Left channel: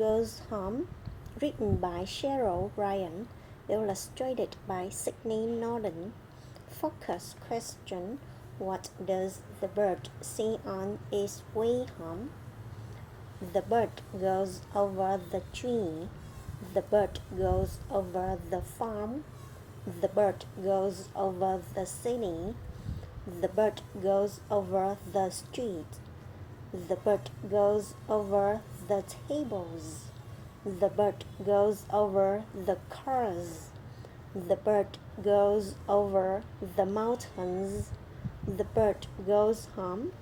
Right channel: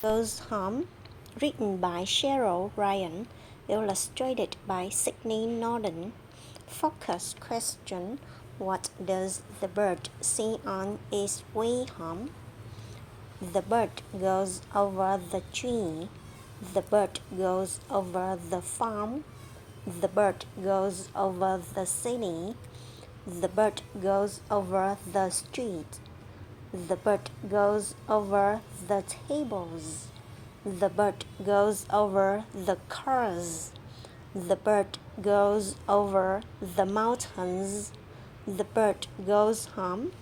Goes Home, written by Cheryl Ryan, illustrated by Sydney Norton. Focus question: what does the bird see on its way home? The bird goes over the tree. The bird goes over the farm. The bird goes over the city. The bird goes over the street. The bird goes over the tables. The bird goes over the cars. The bird goes over the mountains. The bird goes home.